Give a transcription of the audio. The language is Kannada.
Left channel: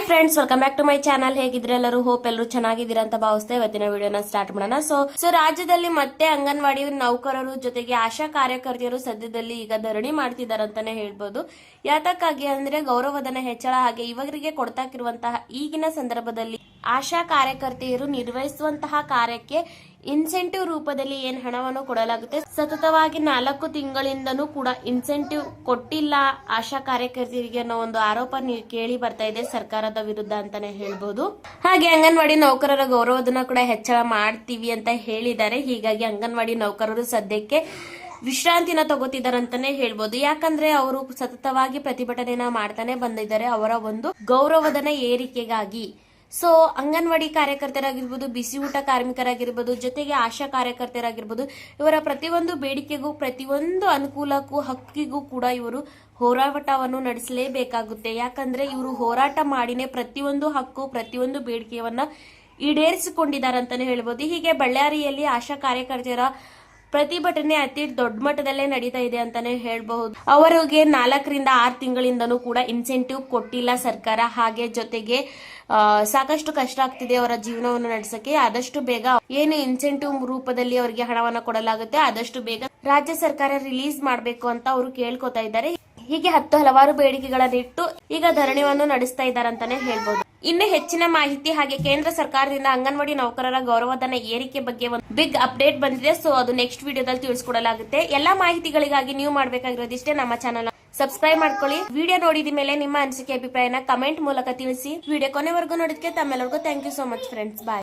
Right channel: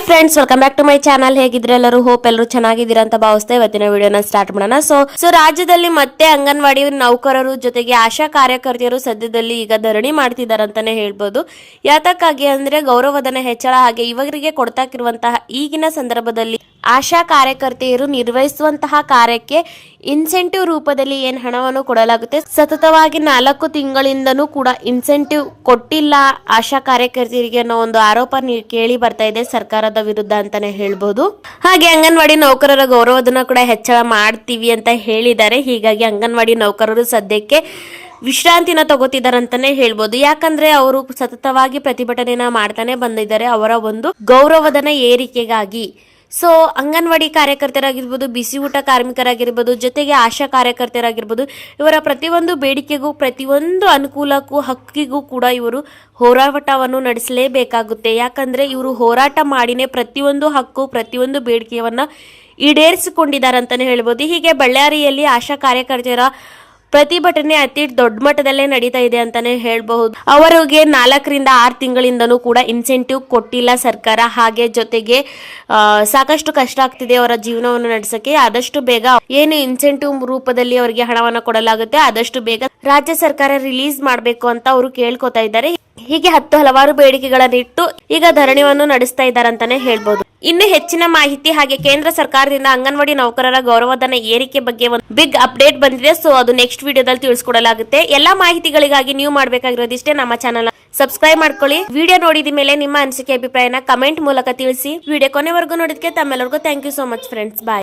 Hi friends, welcome back to my channel. ಹೇಗಿದ್ರೆ ಎಲ್ಲರೂ ಹೋಪ್ ಎಲ್ಲರೂ ಚೆನ್ನಾಗಿದ್ದೀರಾ ಅಂತ ಭಾವಿಸ್ತಾ ಇವತ್ತಿನ ವಿಡಿಯೋನ ಸ್ಟಾರ್ಟ್ ಮಾಡೋಣ. ಸೊ ರಾಜ್ಯದಲ್ಲಿ ಮತ್ತೆ ಅಂಗನವಾಡಿ ನೌಕರರು ಜೊತೆಗೆ ಆಶಾ ಕಾರ್ಯಕರ್ತೆಯರು ಸದ್ಯದಲ್ಲಿ ಈಗ ಧರಣಿ ಮಾಡ್ತಿದ್ದಾರೆ ಅಂತಾನೆ ಹೇಳ್ಬೋದು. ಯಾತಕ್ಕಾಗಿ ಅಂದ್ರೆ ಗೌರವಧನ ಹೆಚ್ಚಳ ಹಾಗೆ ಇವರಿಗೆ ಕೊಡ್ತಾಕಿರುವಂತಹ ಈಗಿನ ಸಂದರ್ಭದಲ್ಲಿ ಆಶಾ ಕಾರ್ಯಕರ್ತೆಯರು ನಿರ್ವಹಿಸುವಂತಹ ಕಾರ್ಯಕ್ಕೆ ಇನ್ಸೆಂಟಿವ್ ರೂಪದಲ್ಲಿ ಏನ್ ಹಣವನ್ನು ಕೊಡಲಾಗುತ್ತೆ. ಸತತವಾಗಿ 4 ತಿಂಗಳಿಂದನೂ ಕೂಡ ಇನ್ಸೆಂಟಿವ್ ಕೊಟ್ಟಿಲ್ಲ ಆಶಾ ಕಾರ್ಯಕರ್ತೆಯರಿಗೆ ಅನ್ನೋ ಒಂದು ಆರೋಪ ಕೇಳಿ ಬರ್ತಾ ಇದೆ ಸರ್ಕಾರದ ವಿರುದ್ಧ ಅಂತಾನೆ ಹೇಳ್ಬೋದು. ಹಾಗೆ ಅಂಗನವಾಡಿ ನೌಕರರ ಗೌರವಧನ ಕೂಡ ಹೆಚ್ಚಳ ಮಾಡ್ತೀವಿ ಅಂತ ಹೇಳಿದ್ದಾರೆ. ಹೀಗಾಗಿ ಅಂಗನವಾಡಿ ನೌಕರರು ಸದ್ಯಕ್ಕೆ ವಿಶ್ರಾಂತಿನ ತಗೋತಿದ್ದಾರೆ ಅಂತಾನೆ ಹೇಳ್ಬೋದು. ಯಾಕಂದ್ರೆ ಅವರು ಸತತವಾಗಿ ಪ್ರತಿಭಟನೆನ ಮಾಡ್ತಾನೆ ಬಂದಿದ್ದಾರೆ ಅವರ ಒಂದು ಗೌರವಧನ ಏರಿಕೆಗಾಗಿ. ಸೊ ಅಂಗನವಾಡಿ ಕಾರ್ಯಕರ್ತರಾಗಿರ್ಬೋದು, ಬಿಸಿ ಊಟ ಕಾರ್ಮಿಕರಾಗಿರ್ಬೋದು, ಜೊತೆಗೆ ಆಶಾ ಕಾರ್ಯಕರ್ತರಾಗಿರ್ಬೋದು, ಇವರ ಪ್ರತಿಯೊಂದು ಬೇಡಿಕೆಗೂ ಪ್ರತಿಯೊಂದು ಅನುಕೂಲಕ್ಕೂ ಹಕ್ಕಿಗೂ ಕೂಡ ಇವರು ಹೋರಾಟವನ್ನು ನಡೆಸಲೇಬೇಕಾಗುತ್ತೆ. ಯಾಕಂದ್ರೆ ಇವರು ಹೋರಾಟ ಮಾಡಿನೇ ಪ್ರತಿಯೊಂದು ಹಕ್ಕು ಪ್ರತಿಯೊಂದು ಬೇಡಿಕೆಯನ್ನ ಈಡೇರಿಸಿಕೊಂಡಿದ್ದಾರೆ ಅಂತಾನೆ ಹೇಳ್ಬೋದು. ಹೀಗೆ ಬಳ್ಳಾರಿಯಲ್ಲಿ ಆಶಾ ಕಾರ್ಯಕರ್ತರ ಪ್ರತಿಭಟನೆ ಅತಿ ದೊಡ್ಡ ಮಟ್ಟದಲ್ಲೇ ನಡೀತಾ ಇದೆ ಅಂತಾನೆ ಹೇಳ್ಬಹುದು. ಅವರಿಗೆ 4 ರಿಂದ 6 ತಿಂಗಳಿಂದನೂ ಕೂಡ ಇನ್ಸೆಂಟಿವ್ ಕೊಟ್ಟಿಲ್ಲ ಸರ್ಕಾರ. ಹಾಗೆ ಜೊತೆಗೆ ಸಾಕಷ್ಟು ಕಷ್ಟ ಆಗ್ತಿದೆ ಅವರ ಜೀವನವನ್ನು ನಡೆಸಕ್ಕೆ. ಆದಷ್ಟು ಬೇಗ ಏನು ಇನ್ಸೆಂಟಿವ್ ರೂಪದಲ್ಲಿ ಅವರಿಗೆ ಹಣವನ್ನು ಕೊಡಲಾಗುತ್ತೆ ಆದಷ್ಟು ಬೇಗ ರಾಜ್ಯ ಸರ್ಕಾರ ರಿಲೀಸ್ ಮಾಡಬೇಕು ಅಂತ ಅವರು ಕೇಳ್ಕೊತಾ ಇದ್ದಾರೆ. ಹೀಗೆ ಹಲವಾರು ಬೇಡಿಕೆಗಳನ್ನಿಟ್ಟು ಈಗ ಧರಣಿಯನ್ನು ನಡೆಸ್ತಾ ಇದ್ದಾರೆ ಅಂತಾನೆ ಹೇಳ್ಬಹುದು. ಇನ್ನು ಹೆಚ್ಚಿನ ಮಾಹಿತಿ ಹಾಗೆ ಕೇಂದ್ರ ಸರ್ಕಾರದಿಂದ ಅಂಗನವಾಡಿ ನೌಕರರ ಗೌರವಧನ ಏರಿಕೆ ಬಗ್ಗೆ ಒಂದು ಬಿಗ್ ಅಪ್ಡೇಟ್ ಬಂದಿದೆ. ಸೊ ಅದು ನೆಕ್ಸ್ಟ್ ವಿಡಿಯೋದಲ್ಲಿ ತಿಳಿಸ್ಕೊಡಲಾಗುತ್ತೆ. ಎಲ್ಲಾ ಮಾಹಿತಿಗಳಿಗಾಗಿ ನೀವು ಮಾಡಬೇಕಾಗಿರೋದಿಷ್ಟೇ, ನಮ್ಮ ಚಾನಲ್ ಸಬ್ಸ್ಕ್ರೈಬ್ ಮಾಡ್ಕೊಳ್ಳಿ. ವಿಡಿಯೋ ನೋಡಿದ ಮೇಲೆ ನಿಮ್ಮ ಅನಿಸಿಕೆ ಅಭಿಪ್ರಾಯನ ಕಮೆಂಟ್ ಮೂಲಕ ತಿಳಿಸಿ. ವಿಡಿಯೋ ಕೊನೆವರೆಗೂ ನೋಡಿದಕ್ಕೆ ತಮ್ಮೆಲ್ಲರಿಗೂ thank you so much friends. Bye.